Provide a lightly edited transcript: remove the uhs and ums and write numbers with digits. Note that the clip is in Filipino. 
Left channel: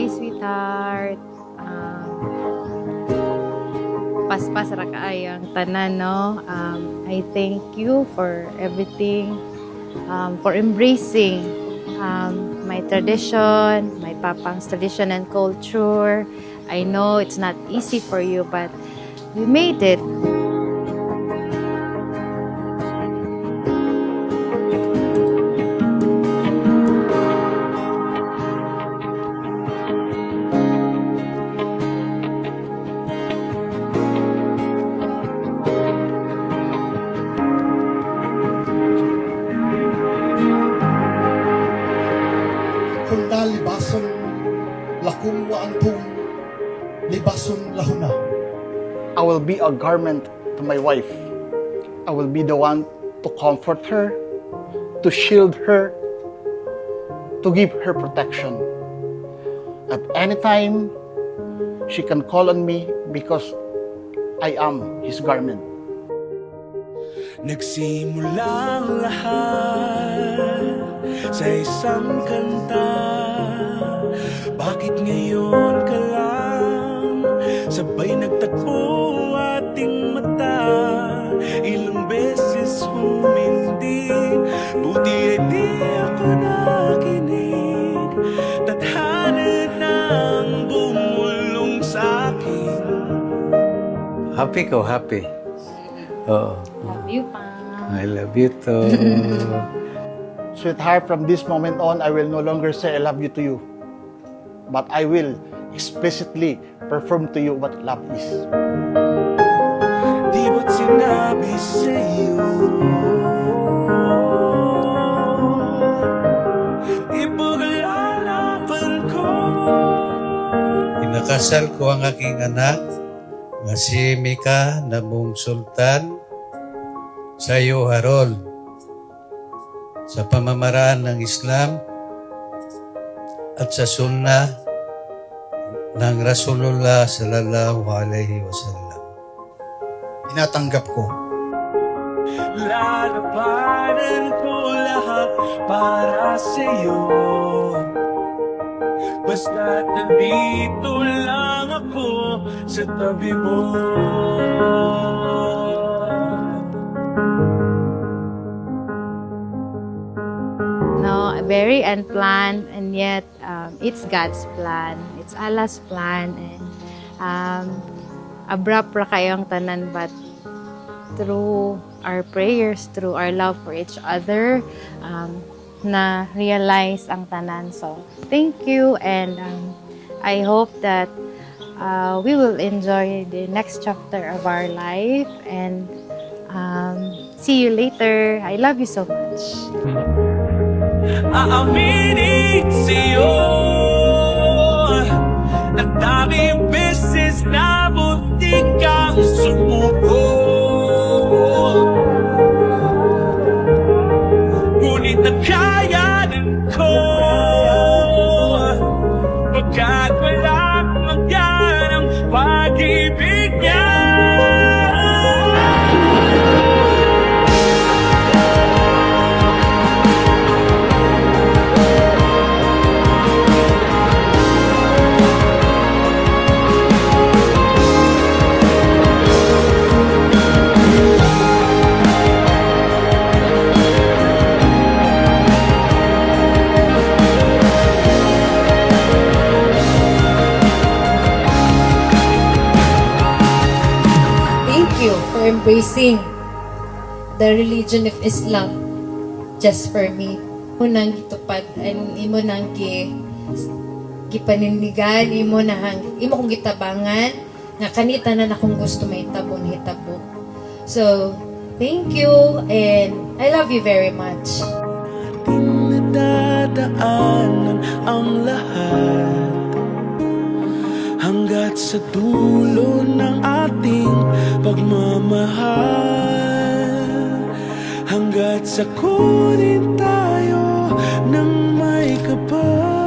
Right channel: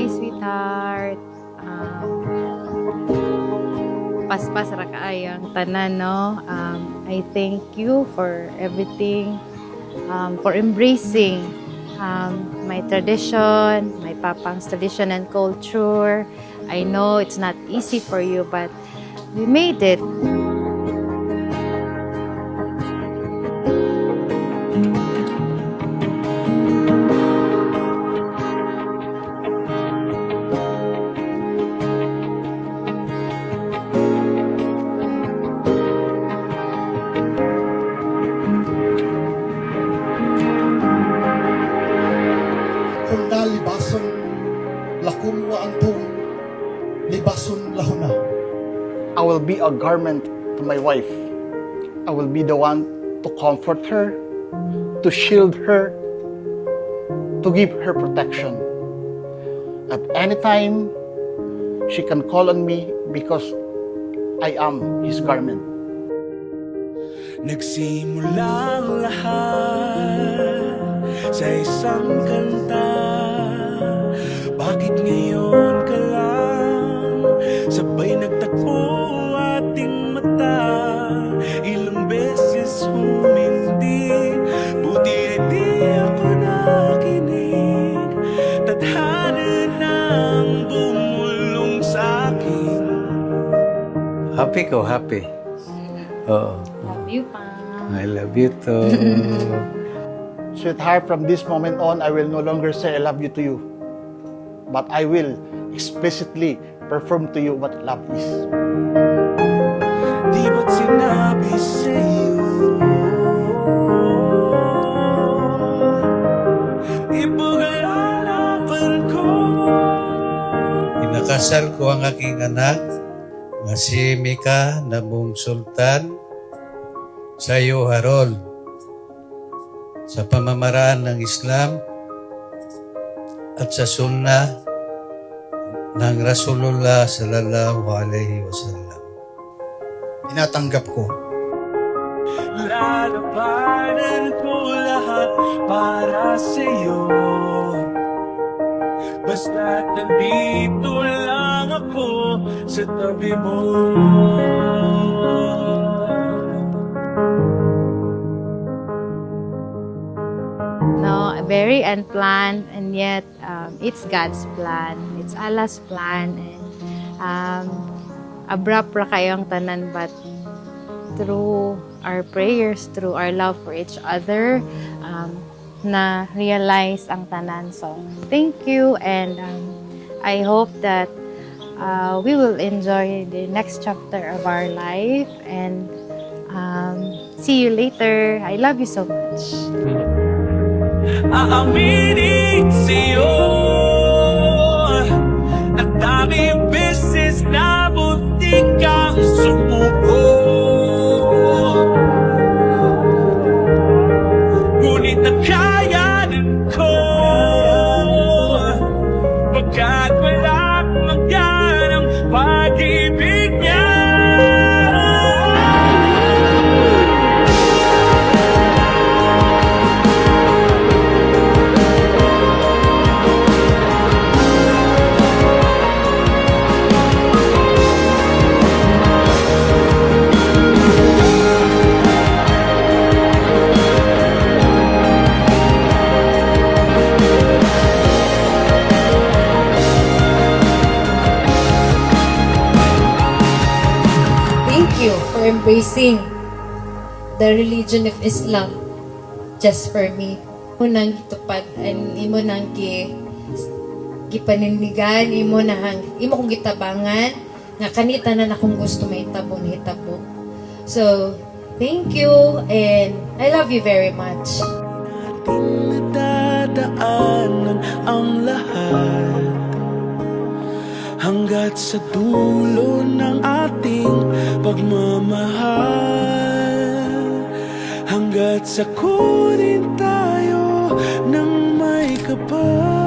Hi, sweetheart. Paspas ra kaayang tanan, no? I thank you for everything, for embracing my tradition, my papang's tradition and culture. I know it's not easy for you, but we made it. Kunda libason lakum wa antum libason lahuna. I will be a garment to my wife. I will be the one to comfort her, to shield her, to give her protection. At any time, she can call on me because I am his garment. Nagsimula ang lahat sa isang kanta. Bakit ngayon ka lang sabay nagtagpo ating mata? Ilang beses humindi, buti ay di ako nakinig. Tadhana nang bumulong sa akin. Happy ko, happy. Oo. Love you, pa. I love you too. Sweetheart, from this moment on, I will no longer say I love you to you, but I will explicitly perform to you what love is. Di ba't sinabi sa'yo ipaglalaban ko? Inakasal ko ang aking anak nga si Mika Nabong Sultan sa iyo, Harold, sa pamamaraan ng Islam at sa sunnah ng Rasulullah sallallahu alaihi wasallam. Tinatanggap ko. Lalabanan ko lahat para sa'yo. Basta't nandito lang ako sa tabi mo. No, very unplanned, and yet it's God's plan. It's Allah's plan, and abrupt ra kayong tanan, but through our prayers, through our love for each other, na realize ang tanan. So thank you, and I hope that we will enjoy the next chapter of our life, and see you later. I love you so much. Aaminin sa'yo, nagdaming beses na muntik kang sumuko. Ngunit nakayanan ko, pagkat walang magyan ang pag-ibig niya. Thank you for embracing the religion of Islam just for me. Imo nang gitupad, imo nang gipanindigan, imo kong gitabangan nga kanita na akong gusto mahitabo na hitabo. So, thank you, and I love you very much. Natin nadadaanan ang lahat hanggat sa dulo ng ating pagmamahal, hanggat sa kunin tayo ng may kapal.